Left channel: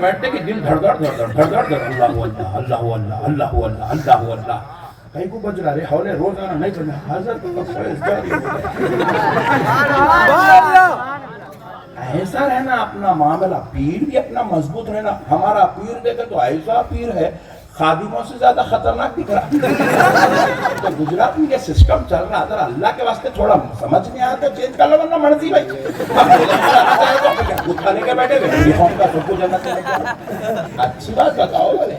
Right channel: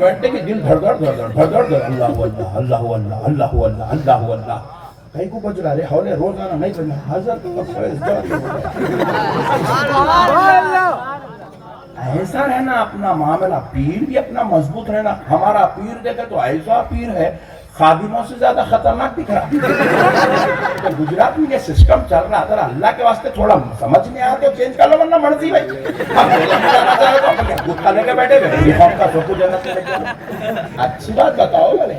بیٹھتے کہ دل دھڑ دھڑ دھڑ دھڑ دھڑ دھڑ اللہ اللہ اللہ اللہ اللہ اللہ اللہ اللہ کہیں کو بج رہا رہے حوالے روزانہ نہیں پڑھنا ایسا رہنا اپنا معاملہ. پیر بھی اپنا مضبوط رہنا. ہمارا پیر دیکھے تو ایسا پیر ہے خادموں سے زیادہ خطرناک دکھ رہا. گجرات میں یہ سسٹم چل رہا اگر اللہ کے واسطے تھوڑا سمجھ میں آ تو چینج کر لو ورنہ مرضی بھائی. کھانے کے بیٹھے ہوئے اچھی بات بتاؤ بھلے.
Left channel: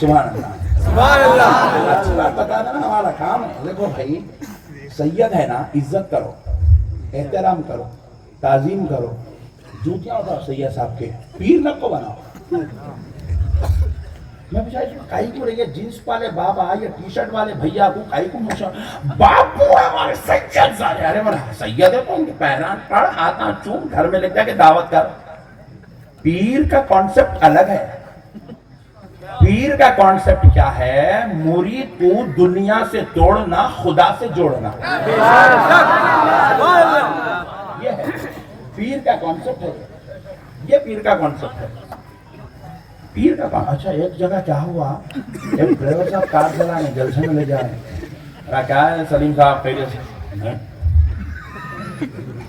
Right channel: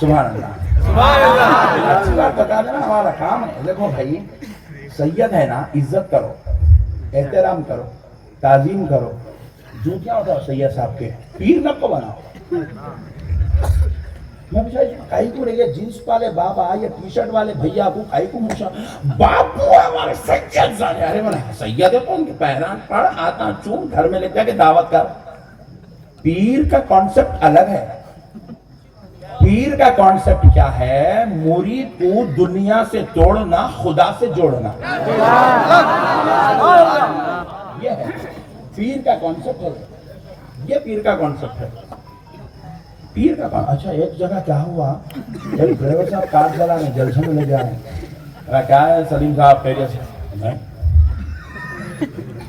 سبحان اللہ. اچھی بات بتا دینا ہمارا کام ہے. دیکھو بھائی سید ہے نا عزت کرو احترام کرو تعظیم کرو. جوتیاں بتاؤ سید صاحب کے پیر نہ کو بناؤ. میں پوچھا کئی کو رہی ہے جینس والے بابا یا ٹی شرٹ والے بھیا کو کئی کو موچا باپ کو ہمارے سید سارے. ارے من سید ہے تو ان کے پیران پڑھ ہاتھاں چوم گھر میں لے جا کے دعوت کر. پیر کا کانسیپٹ الگ ہے. پیر کا کانسیپٹ کیا ہے؟ مرید کو دنیا سے توڑنا خدا سے جوڑنا. یہ ہے پیر کا کانسیپٹ ہے. یہ پیر کا کانسیپٹ ہے. پیر کا کام. اچھا ایک جگہ کیا ہوا ایک ڈرائیور صاحب کار چلا رہے جلسے میں لے جا رہے ہیں. کیا ہے سلیم صاحب خیریت سے؟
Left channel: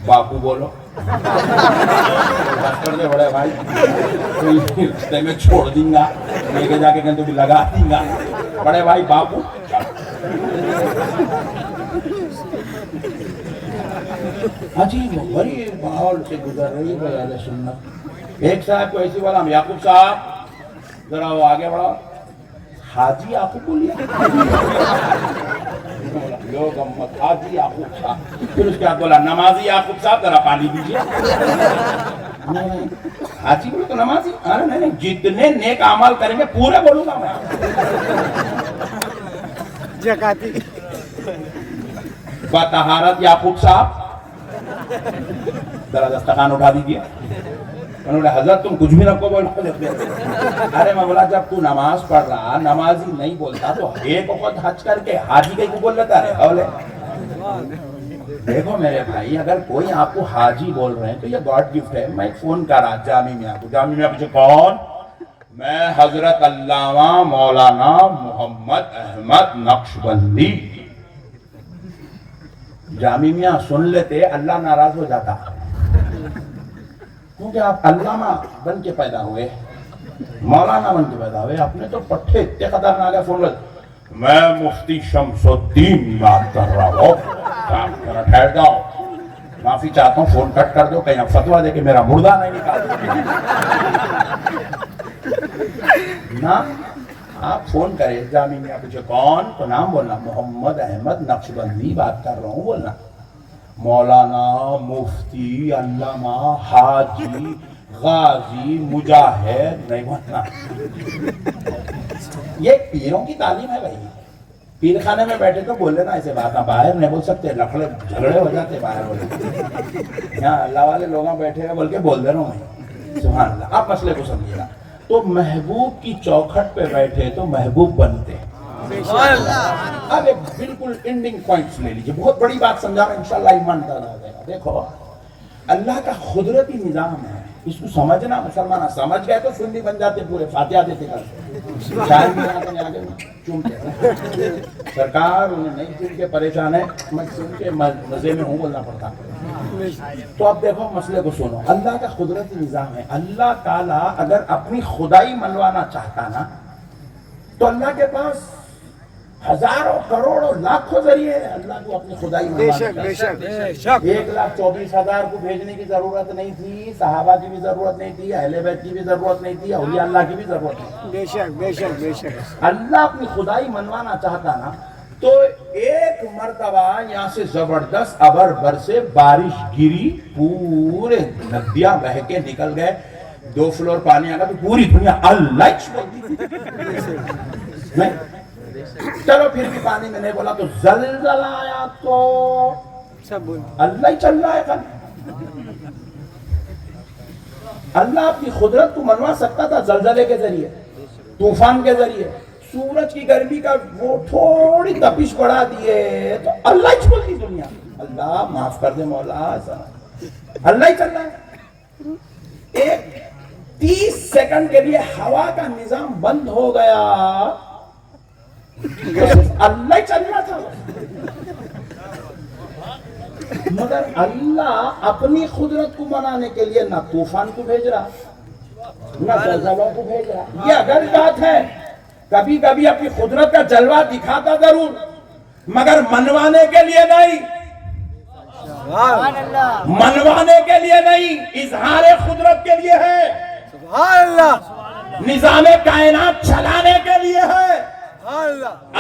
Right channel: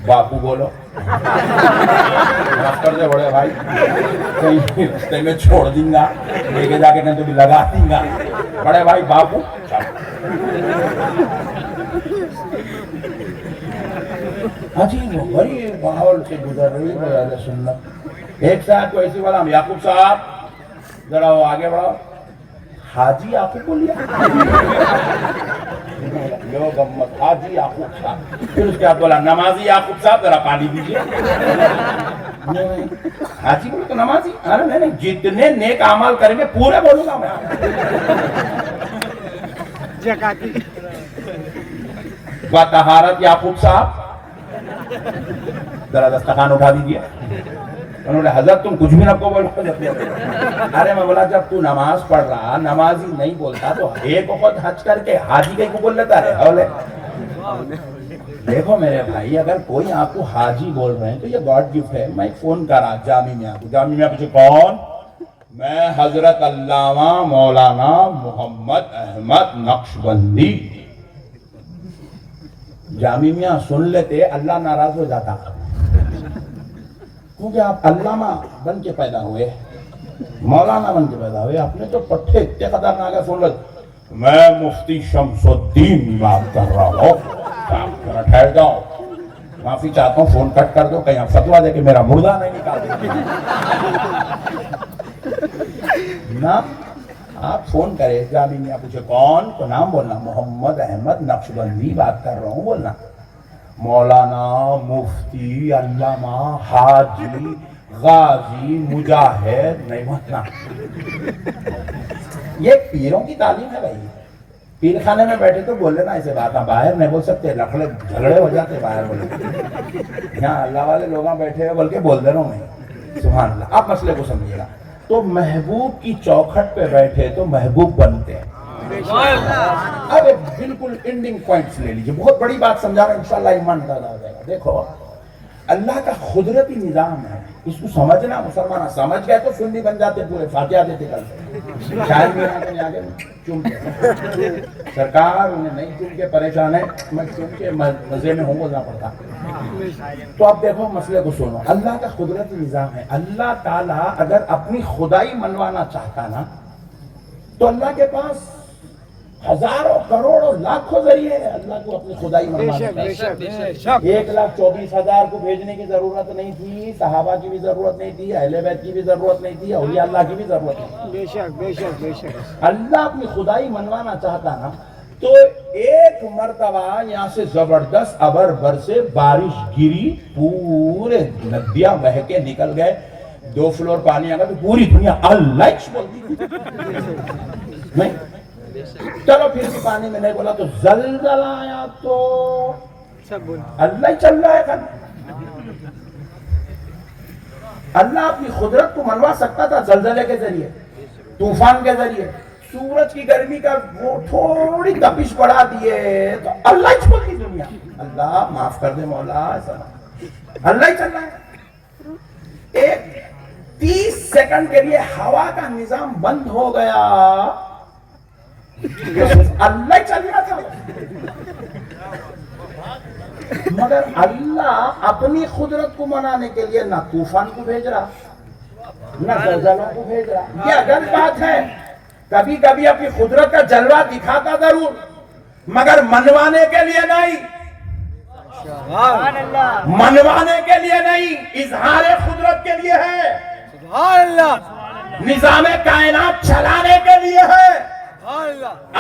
باپو بولو کر دے بڑے بھائی رستے میں چھوڑ دیں گا لے کے جا کے کہیں تو بھی لگا دیں گا. بڑے بھائی باپو عجیب غریب ماحول سے گزر رہی ہے سنت. ایک صاحب کو ایسی بولا یعقوب صاحب ذرا وہ آگے بڑھاؤ. حاجی یعقوب کو لیا حاجی یعقوب صاحب. پھر اس کے بعد بولا نمازی یعقوب صاحب ذرا پانی دیجیے. حاجی بولے تو نمازی. ارے نہیں جتنے نیک اعمال کریں گے پورے بولوں گا میں. طہارت یعقوب صاحب ذرا دسترخوان اٹھا دیجیے. انہوں نے حضرت تم کچھ بھی نہ کو بولو. ارے میں بولا جب تو نماز پڑھ رہا نمازی نہیں بولتا تو ایک وقت حج کر کے حاجی کہیں کو بول لیتا ہے. دیکھو میرے بھائی اگر کوئی آپ کو حاجی بول رہے ہیں تو یہ گاڈ گفٹ ہے. میں فون کرا جامع میں آپ کو. جامع میں پیچھے کون؟ میں حضرت علامہ مولانا محمد احمد نقشبندی. جامع میاں سن لیتے اللہ ناراض ہو جاتا کیونکہ آپ علامہ بن کے پیدا ہوئے مولانا بن کے پیدا ہوئے. آپ نے تو پٹھے اتنے خطرناک ہے. سن لیتے میں مفتی شمس الدین بات کر رہا ہوں. ٹھہر جاؤ معافی چاہتا ہوں فون کٹ کر دو کہیں فتوا دے کے میرا مردہ نہیں نکال نا. آپ فون کرے جامع میں آپ پوچھے کون تو نام بولنا محمد احمد نقشبندی بات کر رہا ہوں بولنا. مولانا مفتی علامہ حاجی غازی مجاہد نہیں بولنا. یہ پیروں کی تعلیم ہے بھائی. پیر خانے میں بیٹھے تو بولے نا ایسے بات باہر نہیں بول سکتے. لفڑ جھگڑے ہو جاتے باہر بولے. یہاں اللہ والے لوگ بیٹھے ہیں بول کے بول دے رہا ہوں میں. سبحان اللہ. آپ مسئلے کو سمجھیے گا. تو محبوب کی چوکھٹ پہ بیٹھے تو محبوب بنتے ہیں. اب ایک بالکل اینڈنگ پوائنٹس لے لیجیے. بہت بڑی بات سمجھا رہا ہوں انشاءاللہ ایمان پیدا ہو جائے گا. دیکھو اللہ کا قدرتی نظام ہے. اس کو سمجھنا مسلمان سمجھ گئے تو پھر بھی بن جاتے پورے فاتحہ دیتے کرتے. شاید بھی آگے چون کے سرکار انہیں نہیں چون کے پریشان ہے. میں چون کے مزے میں ہوں بولنا پڑتا. تو اب دیکھو مسئلے کو سنو. اللہ کا قدرتی نظام ہے. اللہ تعالیٰ اگر اپنی خدائی منوانا چاہتا نا تو اللہ کے پاس ہزاروں کروڑوں لاکھوں ذریعے اللہ کو اپنی خدائی منوانا چاہتا. 1,24,000 کو بھیجنے کی ضرورت نہیں تھی. صحابہ کی بھی ضرورت نہیں تھی. اہل بیت کی بھی ضرورت نہیں تھی. اولیاء اللہ کی بھی ضرورت نہیں تھی. اللہ اپنی خدائی منوانا چاہتا نا تو ایک مرتبہ یہاں سے زبردست ابر بر سے بارش گری. پورے ندیاں بہہ کے نکل گئے. 2 فلور پانی آ گیا تو پوری دنیا اللہ نہیں. چلو پھر بھی پانی میں نہیں بولا تو زلزلہ آیا تو اللہ ہی چل رہا ہے. اللہ اپنی قدرت کو منوا سکتا تھا زلزلے کے ذریعے طوفان کے ذریعے. سورج کی گرمی کا وہ تھوڑی تپش بڑھا دیے تو اللہ ہی چھوڑ دی دنیا. اللہ معاف کر دے مولا. ایسا اللہ ہی چل رہا ہے. ایک 30 سیکنڈ کے لیے ہوا کا نظام بند ہو گیا، اللہ چل رہا تھا، مگر اللہ اپنی قدرت کو منانے کے لیے نہ طوفان کو بھیج رہا نہ زلزلوں کو بھیج رہا. یہ اگر بات ہے، کبھی کبھی اپنی قدرت کا جلوہ دکھاتا ضرور، مگر منوانے کے لیے نہیں، منوانے کے لیے نہیں، اظہار قدرت کے لیے ہے، نظام کائنات چلانے کے لیے ہے.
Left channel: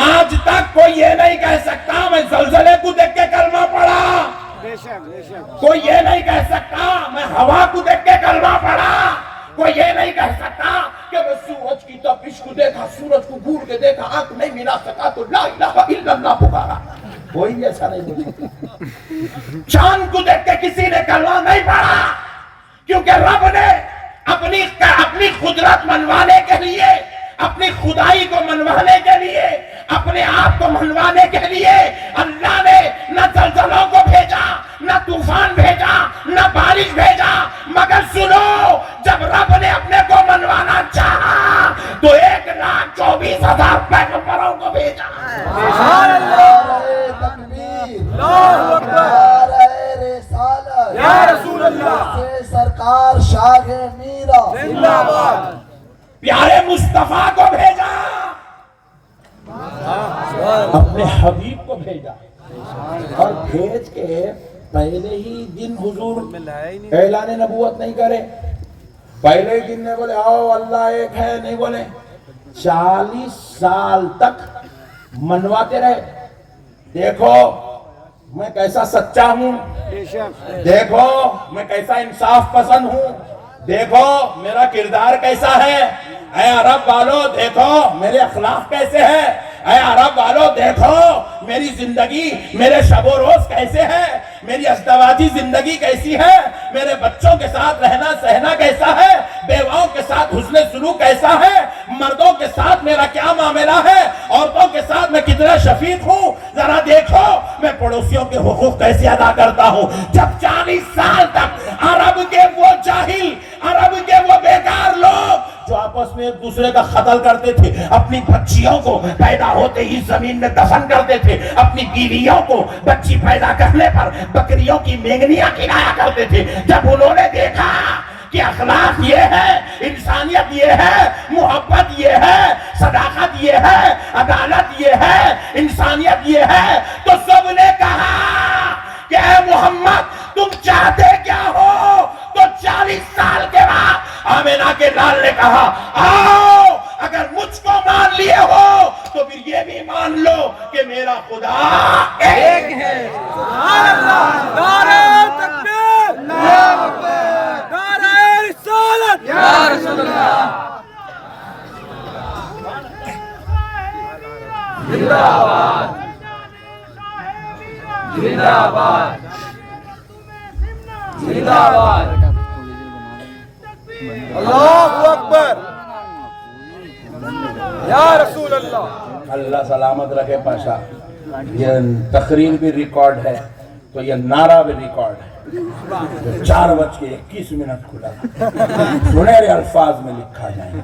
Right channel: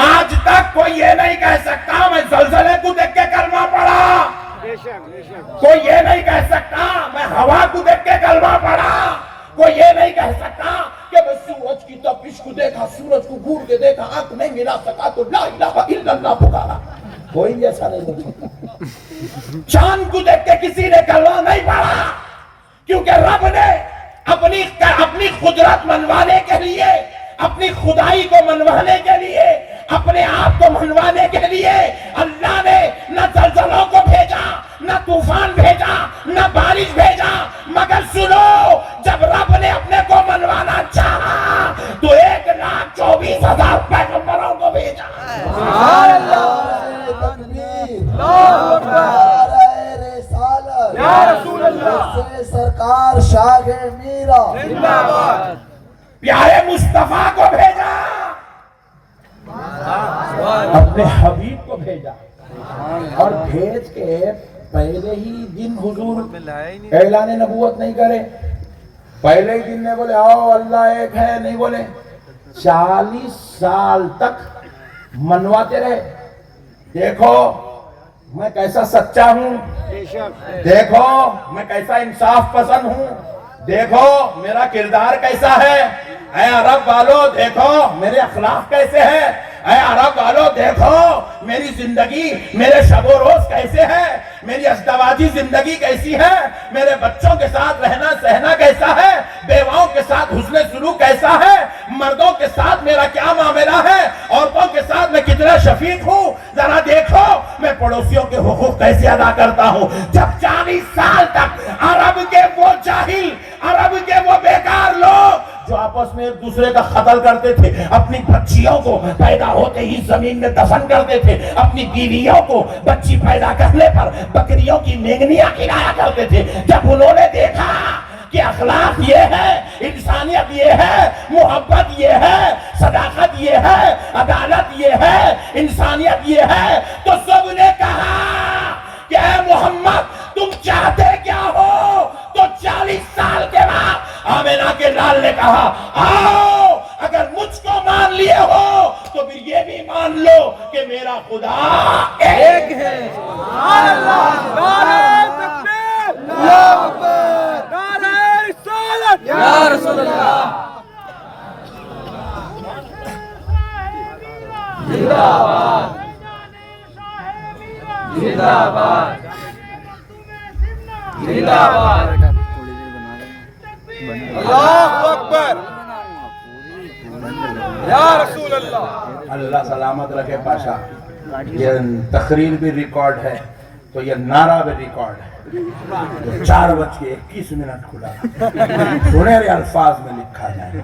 آج تک کوئی یہ نہیں کہہ سکتا میں زلزلے کو دیکھ کے کلمہ پڑھا، کوئی یہ نہیں کہہ سکتا میں ہوا کو دیکھ کے کلمہ پڑھا، کوئی یہ نہیں کہہ سکتا کہ میں سورج کی تپش کو دیکھا، سورج کو گھور کے دیکھا، آنکھ نہیں ملا سکا تو لا الہ الا اللہ پکارا. کوئی ایسا نہیں بول سکتا. چاند کو دیکھ کے کسی نے کلمہ نہیں پڑھا، کیونکہ رب نے اپنی قدرت منوانے کے لیے، اپنی خدائی کو منوانے کے لیے، اپنے آپ کو منوانے کے لیے اللہ نے نہ زلزلوں کو بھیجا، نہ طوفان بھیجا، نہ بارش بھیجا، مگر سنو، جب رب نے اپنے کو منوانا چاہا تو 1,24,000 پیغمبروں کو بھیجا. سرکار شاہ میرا پیارے مصطفیٰ کو بھیجا، اپنے حبیب کو بھیجا، اور بھیج کے پہلے ہی دن حضور اعلان نبوت نہیں کرے، پہلے ہی دن نے بولے آؤ اللہ ایک ہے، نہیں بولے. 40 سال تک منواتے رہے. دیکھو میں کیسا سچا ہوں، دیکھو میں کیسا انصاف پسند ہوں، دیکھو میرا کردار کیسا ہے، اے عرب والو دیکھو میرے اخلاق کیسے ہیں، اے عرب والو دیکھو میری زندگی، میرے شب و روز کیسے ہے، میری ازدواجی زندگی کیسی ہے، میرے بچوں کے ساتھ رہنا سہنا کیسا ہے، بیواؤں کے ساتھ حسن سلوک کیسا ہے، مردوں کے ساتھ میرا کیا معاملہ ہے، عورتوں کے ساتھ میں کتنا شفیق ہوں، ذرا دیکھو میں پڑوسیوں کے حقوق کیسے ادا کرتا ہوں. جب 40 سال تک عرب کے وہ جاہل، عرب کے وہ بیکار لوگ جو آپس میں ایک دوسرے کا قتل کرتے تھے، اپنی بچیوں کو پیدا ہوتے ہی زمین میں دفن کرتے تھے، اپنی بیویوں کو بچی پیدا کرنے پر بکریوں کی مینگنیاں کھلایا کرتے تھے، جب انہوں نے دیکھا کہ اخلاق یہ ہے، انسانیت یہ ہے، محبت یہ ہے، صداقت یہ ہے، عدالت یہ ہے، انسانیت یہ ہے، تو سب نے کہا کہ اے محمد تم چاہتے کیا ہو؟ تو 40 سال کے بعد آمینہ کے لال نے کہا آؤ اگر مجھ کو مان لیے ہو تو پھر یہ بھی مان لو کہ میرا خدا ایک ہے. سبحان اللہ، نعرہ تکبیر، اللہ اکبر، نعرہ رسالت یا رسول اللہ. زندہ باد، زندہ باد، زندہ باد. اللہ اکبر یا رسول اللہ. اللہ سلامت رکھے پاشا. یہ تقریر بھی ریکارڈ ہے تو یہ نعرہ بھی ریکارڈ ہے. 4:21 کھلا سنہرے الفاظ میں لکھا جائے گا.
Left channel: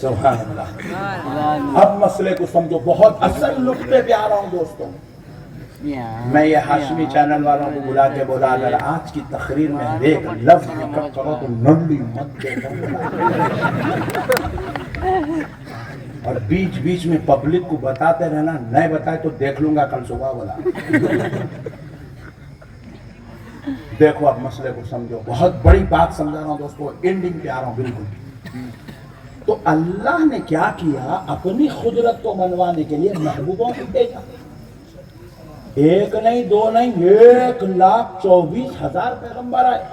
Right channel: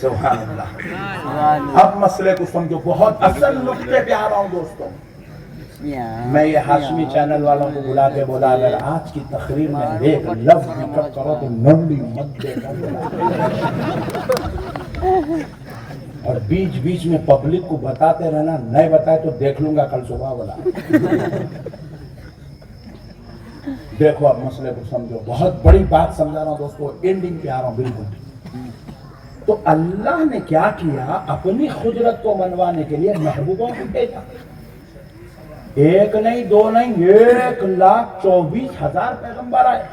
سبحان اللہ. اب مسئلے کو سمجھو، بہت اصل نقطے پہ آ رہا ہوں دوستوں. میں یہ ہاشمی چینل والوں کو بلا کے بولا اگر آج کی تقریر میں ایک لفظ ذکر کرو تو ننڈی مت دینا، اور بیچ بیچ میں پبلک کو بتاتے رہنا، نہیں بتائے تو دیکھ لوں گا کل صبح. بولا دیکھو اب مسئلے کو سمجھو، بہت بڑی بات سمجھا رہا ہوں دوستو، اینڈنگ پہ آ رہا ہوں بالکل. تو اللہ نے کیا کیا؟ اپنی قدرت کو منوانے کے لیے محبوبوں کو بھیجا. ایک نہیں، دو نہیں، 1,24,000 پیغمبر آئے.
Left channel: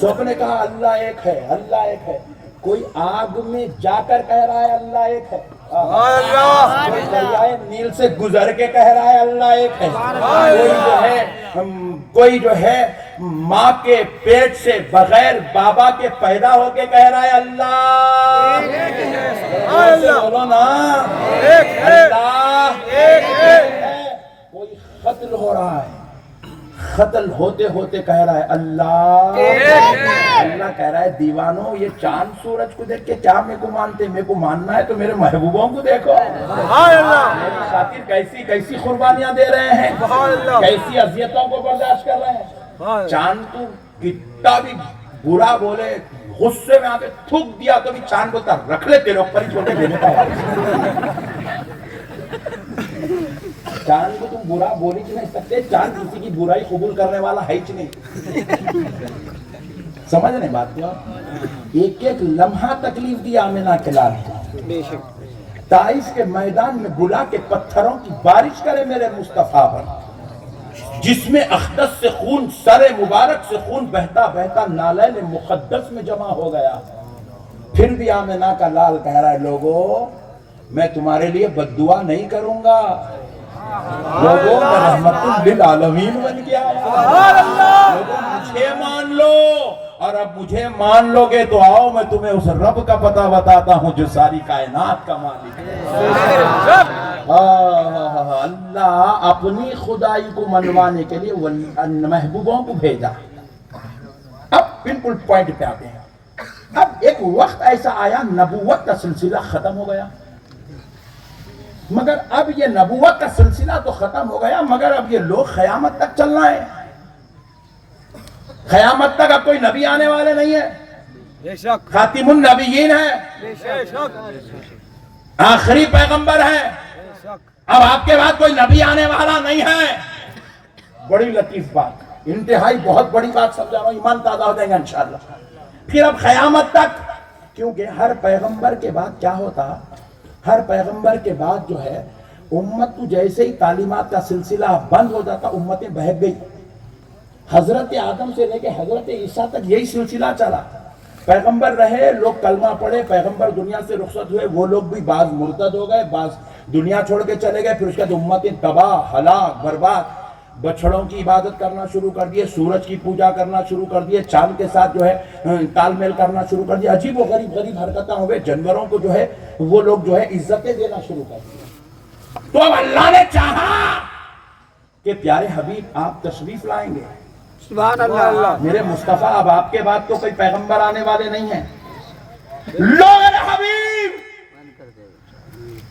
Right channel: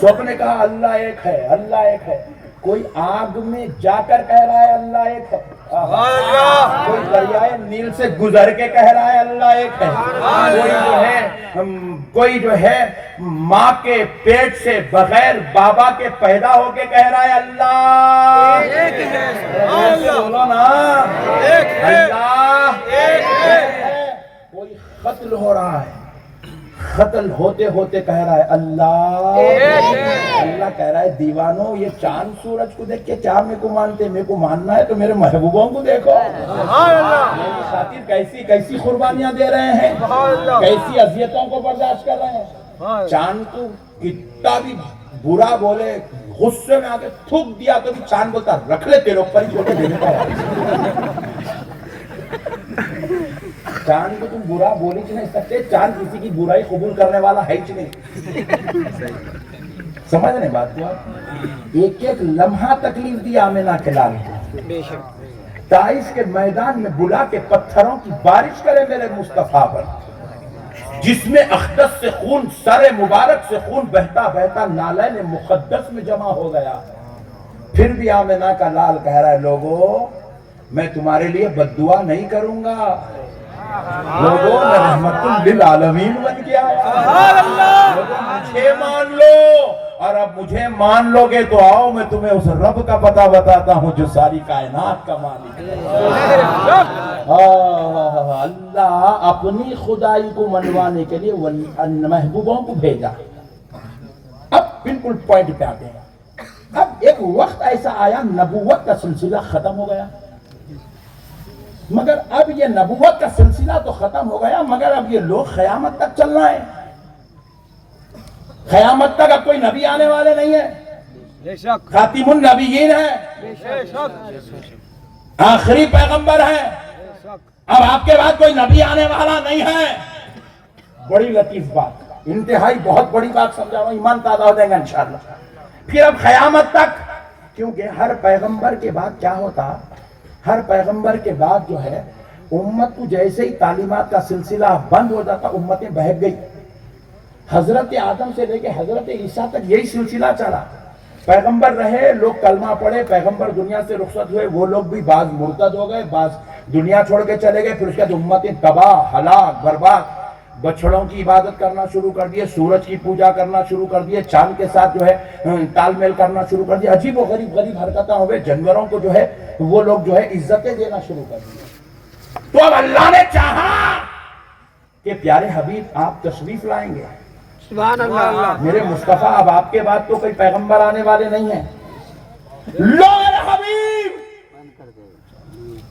سب نے کہا اللہ ایک ہے، اللہ ایک ہے. کوئی آگ میں جا کر کہہ رہا ہے اللہ ایک ہے، کوئی دریائے نیل سے گزر کے کہہ رہا ہے اللہ ایک ہے، کوئی جو ہے ماں کے پیٹ سے بغیر بابا کے پیدا ہو کے کہہ رہا ہے اللہ ایک ہے. بولو نا اللہ ایک ہے. کوئی قتل ہو رہا ہے، قتل ہوتے ہوتے کہہ رہا ہے اللہ، اللہ کہہ رہا ہے دیوانوں یہ چاند سورج کو دیکھ کے کیا میرے کو مانتے، میرے کو ماننا ہے تو میرے محبوبوں کو دیکھو، میری خاطر کیسی کیسی قربانیاں دے رہے ہیں، کیسی اذیتوں کو برداشت کر رہے ہیں۔ چاند کو کتنا بھی برا بولے، غصے میں آ کے تھوک دیا تو بھی چاند بولتا رکھ لے تیرے اوپر ہی چھوٹے دینے کا چاند کو تم برا بول ہی نہیں سکتے، چاند کسی کی برائی قبول کرنے والا ہے ہی نہیں۔ سمجھ رہے بات کو؟ ایک ایک لمحہ تکلیف دی آمنہ کے لال کو، طائف کے میدان میں بلا کے پتھروں کی بارش کرے میرے مصطفیٰ پر، جس میں اقدس سے خون، سر مبارک سے خون بہتا بہتا نالین مقدس میں جمع ہو گیا، پھر بھی آمنہ کا لال کہہ رہا ہے لوگوں میں تمہارے لیے بد دعا نہیں کروں گا، لوگوں میں رحمت للعالمین بن گیا، لوگوں مجھے مان لو، اور اب مجھے مان لو گے تو آؤ میں تمہیں اس رب کا پتہ بتاتا ہوں جو ساری کائنات کا مالک ہے۔ اللہ اپنی خدائی کو منوانے کے لیے محبوبوں کو بھیجا۔ اب بالکل پوائنٹ پہ آتے ہیں، اب ایک وقت ایسا آیا نبوت کا سلسلہ ختم ہو گیا، مگر اب یہ نبوت کا سلسلہ تو ختم ہو گیا، مگر اب یہ لوگ قیامت تک چلنا ہے، قیامت تک اب کوئی نبی آنے والے نہیں ہے، خاتم النبیین ہے، آخری پیغمبر ہے، اب آپ کے بعد کوئی نبی آنے والا نہیں ہے۔ بڑی لطیف بات، انتہائی بہت بڑی بات سمجھا رہا ہوں، ایمان تازہ ہو جائے گا انشاءاللہ۔ پھر اب قیامت تک، کیونکہ ہر پیغمبر کے بعد کیا ہوتا، ہر پیغمبر کے بعد جو ہے امت کو جیسے ہی تعلیمات کا سلسلہ بند ہو جاتا امتیں بہک گئی۔ حضرت آدم سے لے کے حضرت عیسیٰ تک یہی سلسلہ چلا، پیغمبر رہے، لوگ کلمہ پڑھے، پیغمبر دنیا سے رخصت ہوئے، وہ لوگ بھی بعض مرتد ہو گئے، بعض دنیا چھوڑ کے چلے گئے، پھر اس کے بعد امتیں تباہ، ہلاک، برباد، بچڑوں کی عبادت کرنا شروع کر دیے، سورج کی پوجا کرنا شروع کر دیے، چاند کے ساتھ جو ہے تال میل کرنا شروع کر دیا، عجیب و غریب غریب حرکتیں ہو گئے، جانوروں کو جو ہے وہ لوگ جو ہے عزتیں دینا شروع کر دی۔ تو اب اللہ نے چاہا کہ پیارے حبیب آپ تشریف لائیں گے، سبحان اللہ، میرے مصطفیٰ اب آپ کے بعد تو کوئی پیغمبر آنے والے نہیں ہیں، لو میرے حبیب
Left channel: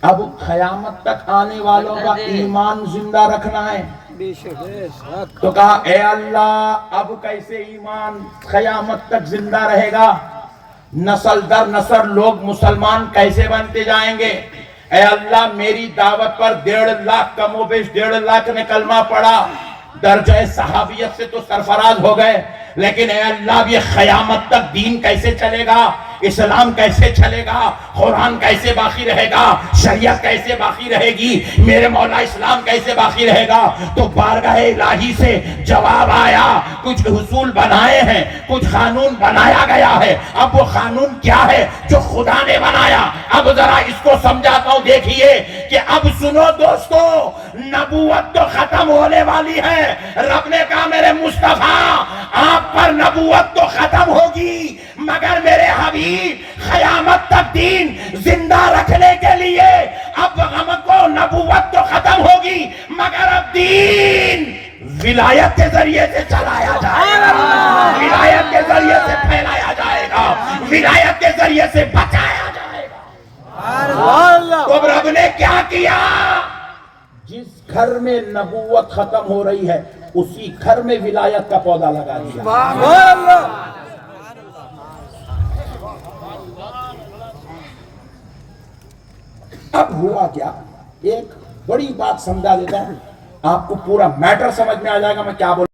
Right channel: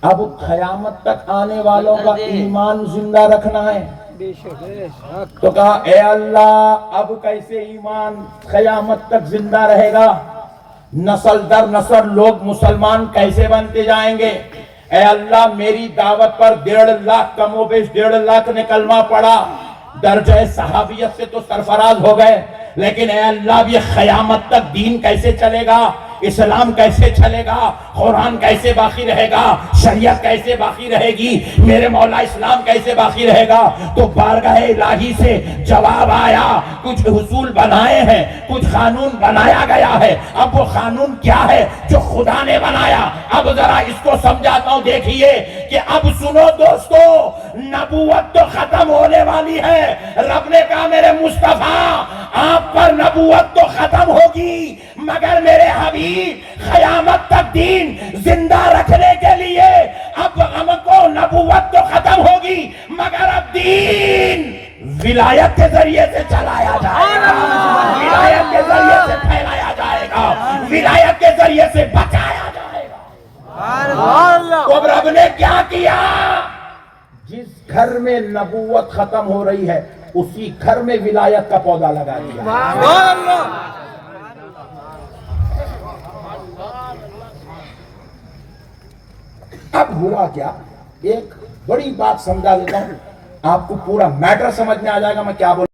اب قیامت تک آنے والوں کا ایمان زندہ رکھنا ہے۔ تو کہا اے اللہ اب کیسے ایمان قیامت تک زندہ رہے گا، نسل در نسل لوگ مسلمان کیسے بنتے جائیں گے، اے اللہ میری دعوت پر 1.5 لاکھ کم و بیش 1.5 لاکھ نے کلمہ پڑھا، درجہ صحابیت سے تو سرفراز ہو گئے، لیکن اے اللہ اب یہ قیامت تک دین کیسے چلے گا، اسلام کیسے چلے گا، قرآن کیسے باقی رہے گا، شریعت کیسے باقی رہے گی، میرے مولا اسلام کیسے باقی رہے گا۔ تو بارگاہ الہی سے جواب آیا، کچھ حصول بنائے ہیں، کچھ قانون بنایا گیا ہے، اب وہ قانون کیا ہے جو خدا نے بنایا، اب ذرا اس کو سمجھاتا ہوں، دیکھیے کہ اب سنو دوستو، نبوت تو ختم ہونے والی ہے، رب نے کہا میرے مصطفیٰ آپ پر نبوت تو ختم ہوگی، مگر میرے حبیب قیامت تک دین زندہ رکھنے کے لیے اب ہم کو نبوت تو ختم ہوگی، مگر اب دین ولایت کے ذریعے سے چلایا جائے گا، ولایت کے ذریعے سے پھیلایا جائے گا، ولایت کے ذریعے سے بچایا جائے گا۔ تو رب نے کیا کیا، جس گھر میں نبوت ختم ہو رہی ہے اسی گھر میں ولایت کا پودا لگا دیا۔ اب ہوا کیا، ایک بڑی بات سمجھا دیتا ہوں، آپ کو پورا میٹر سمجھ میں آ جائے گا میں کیا بول